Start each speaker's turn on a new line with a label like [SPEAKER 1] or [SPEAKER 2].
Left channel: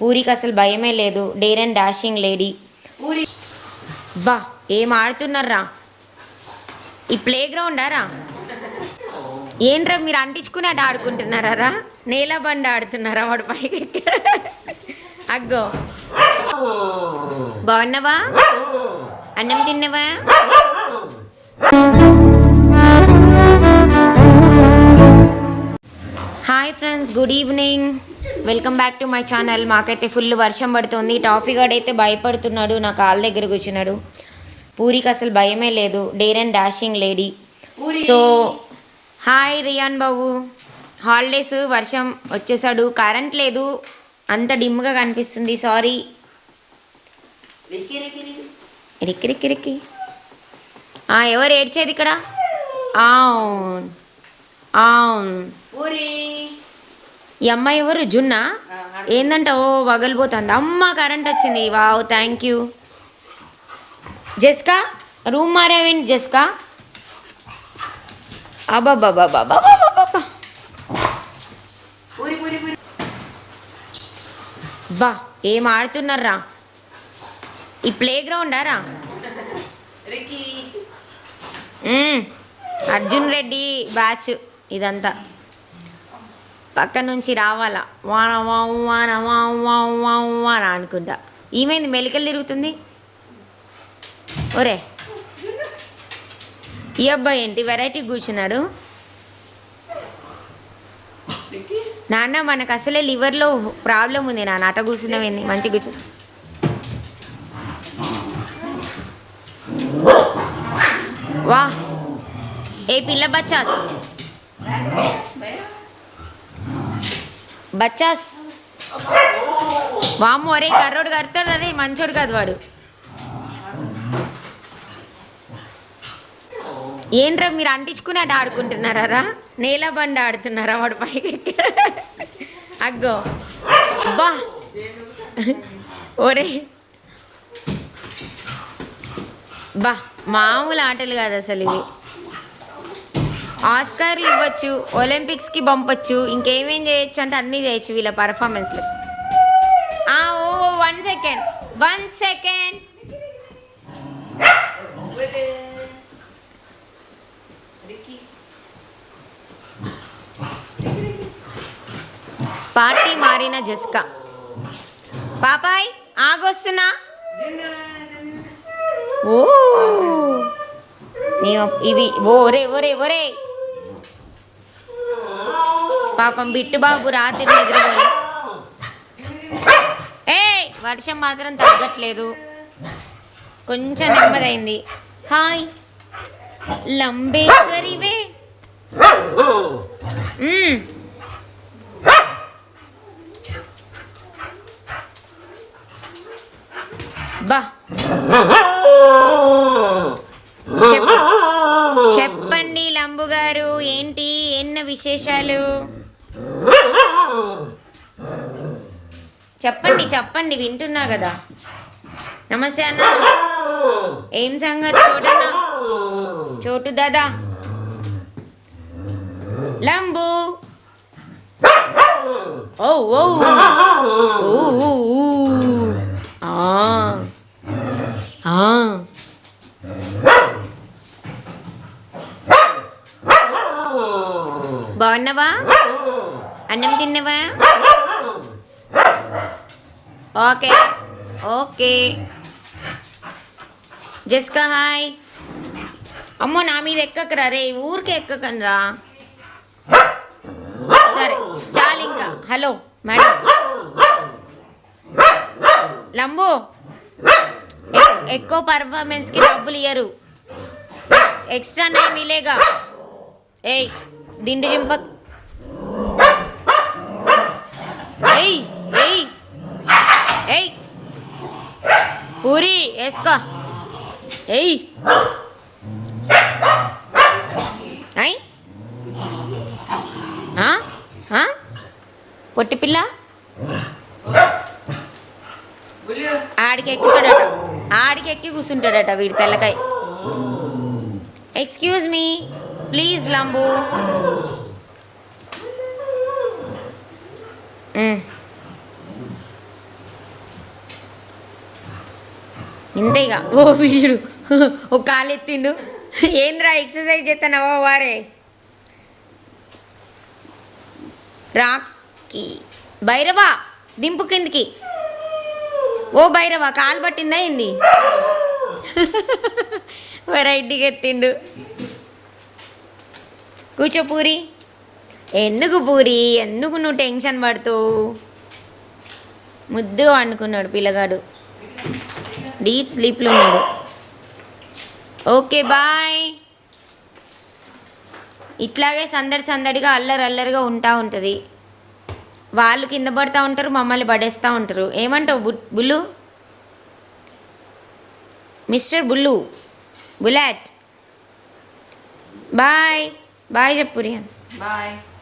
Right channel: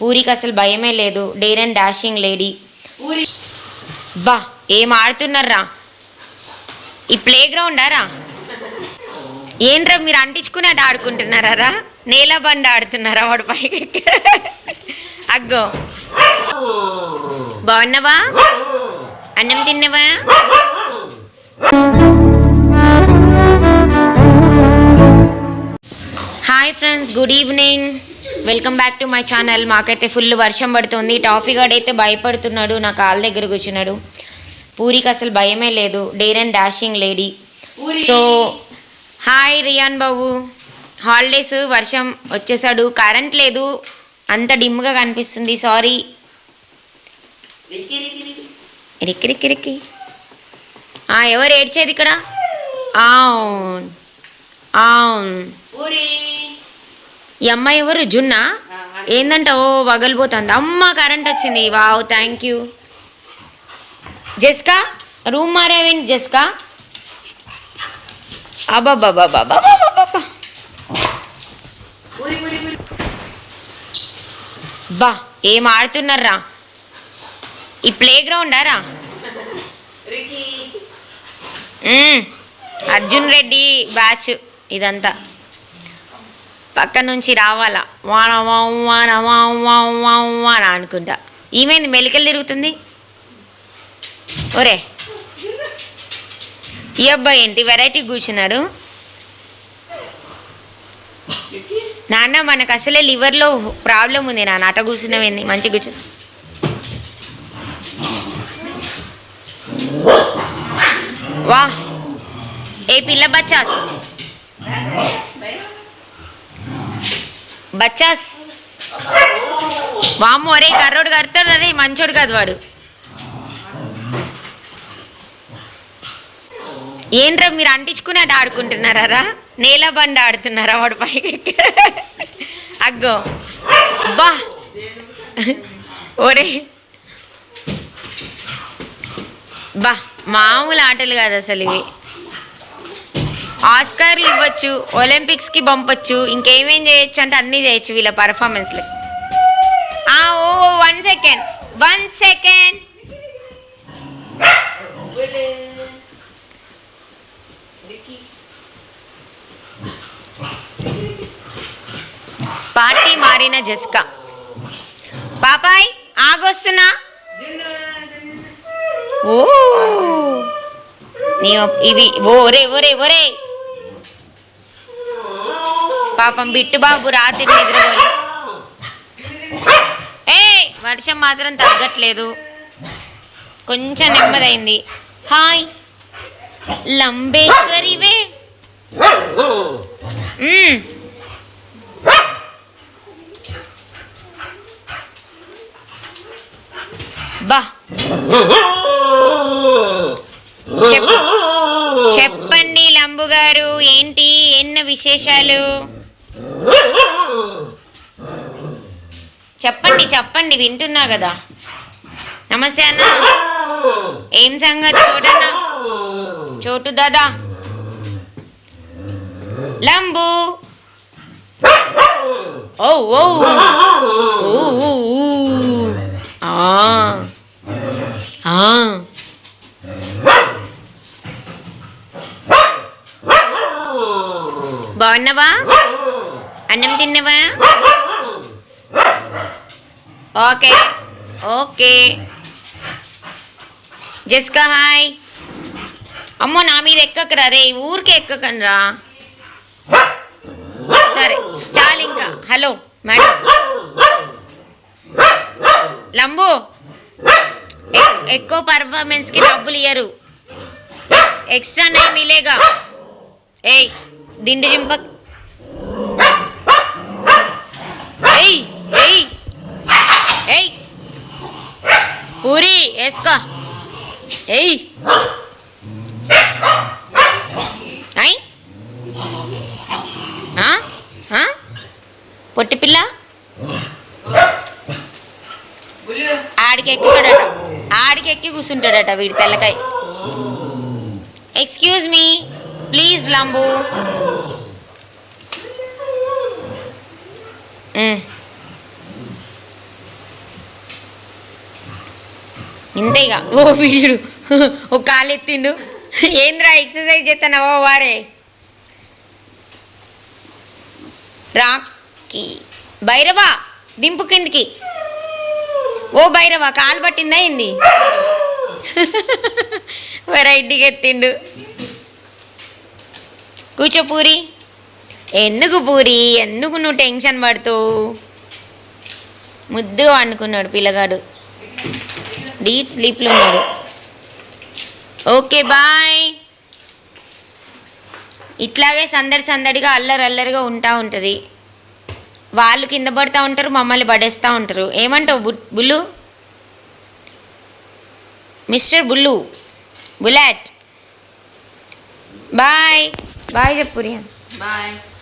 [SPEAKER 1] పూరికి అసలు భయమే లేదు. Dare and dashing lady. బా ఏం ఆడుతున్నారా ఈ ప్లే గ్రౌండ్ రా? ఏంట్రా మీరు అంటించుకుని అటు ఆడుకుంటున్నారా రా? నేల బండి ఆడుతున్నారా వాడు పైకి? అగ్గో. బాగున్నావా? అన్నం తిన్నవా? Hi friends good evening. Welcome back to my channel. మాకైతే ఫుల్ వర్షం పడుతుంది. టాఫీ గార్డ్ అయితే భయపడుతున్నాడు. నా కాళ్ళ దగ్గర కూర్చున్నాడు పూరికి అసలు భయమే లేదు. Dare and dashing lady. So hi Riyan Babu. Holidays వర్షం వచ్చేసాడు. కరెంట్ లేదు. అంత డిమ్గా కనిపిస్తుంది. సారీ. ఇరికి ఎవరు ఏడ్చేది ఇక్కడ? అవును అవును ఈ అమ్మాయి ఎవరు? జున్నా? ఏందంట? ఓ వగలిపోతుంది అమ్మ కరెంట్ వచ్చింది. వావ్ థ్యాంక్ యూ జెస్కా? రూమ్ మారావేంటి జెస్కా?
[SPEAKER 2] పూరి
[SPEAKER 1] బా ఏం ఆడుతున్నారా? ఈ ప్లే గ్రౌండా రా. అర్జున్ రెడ్డి బ్యాచ్ ఇదంతా. పక్క నుంచి రావాలా. వాన వాం వాన వాం వాం వాం వాన అనుకుంటా. ఏమైంది? మెలికలు తిరుగుతుంది? ఒరే. ఈ అబ్బాయి ఏంటి? వెరైటీ కూర్చున్నాడు. నాన్న మనకు అసలే లివర్లో ప్రాబ్లం ఉంది నాన్న. అట కూర్చున్నావేంది మంచి కూర్చు. వా. ఏ పిల్ల బచ్చాస్ బచ్చాస్. వాము అరే కర్రోడు కడతాడు అరే మంచోడు కాదు వాడు. ఏంట్రా మీరు అంటించుకుని అటు ఆడుకుంటున్నారా నేల బండి ఆడుతున్నారా వాడు పైకి? అగ్గో. బా. ఒరే. బా మామూలు ఆటలు కాదు అసలు ఇవి. ఆస్కార్లు ఇవ్వచ్చు ఒలింపిక్స్కి పంపొచ్చు ఇంకేమేం చేయొచ్చు అంటే అన్నీ చేయొచ్చు వీళ్ళ పర్ఫార్మెన్స్లు ఓ one second one second party మారిన జస్కా. పాపాయ్ ఆగొస్తున్నా? ఓ నీ ఇవి ఓరే ఒరే ఒరే పాపం బిట్టు బాబు రాత్రి నిద్రపోయి. ఏ వర్షం మాత్రం తగ్గట్లేదు. కొంచెం నెమ్మదైంది. హాయ్. లంబేశ్వరివే. బా. చెప్పండి లంబు గారు ఏంటి ఎన్న విశేషాలు? చెప్పండి చెప్పండి వింటున్నా కదా. నమస్తే అన్న. ఏం సంగతి చూడన్నా చోటు దాదా. లంబు. ఓ ఓ. ఆ. బాగున్నావా? అన్నం తిన్నావా? ఓకే. ఓకే. జస్కా హాయ్. అమ్మో నా మీద ఎక్కకరా రే? ఊరికే ఎక్కకండి సరే చాలు ఇంకా. Hello madam. లంబు ఎక్కువ పర్ఫార్మెన్స్కి డబ్బులు ఇయ్యరు. ఎక్స్ట్రా నై మిలేగా ఏయ్ దిండు జింపక్ ఏయ్ పూరి వేసుకో. ఏయ్. అయ్ పొట్టి పిల్ల. ఆడికి ఎక్కుతాడట ఆడికి ఎక్కి కూర్చుంటాడట వీడి తెల్లకాయ. Excuse me please లంబు. ఇంతే ఇక ఓ వీడు. ఓ కాలు ఎత్తిండు ఏంద్రా ఎక్సర్సైజ్ చేస్తున్నావో వారే? రాకి. భైరవా దింపు కిందికి. ఓ భైరవా కాలు పట్టిందా ఏంది? వెరైటీగా ఎత్తిండు. కూర్చో పూరి. ఎందుకు పూరి? ఎందుకు నువ్వు టెన్షన్ పడుతూ ముద్దు అనుకున్నాడు పిల్లగాడు. డీప్ స్లీప్లో ఉన్నాడు. Okay bye. ఇట్లాగే సందడి సందడిగా అల్లరి అల్లరిగా ఉంటా ఉంటుంది. వాళ్ళు కింద పడుతూ ఉంటారు మమ్మల్ని పడేస్తూ ఉంటారు. ఏమంటావు బు- Bullu? Mister Bullu bullet boy. Bye చెప్పు
[SPEAKER 2] బాయ్.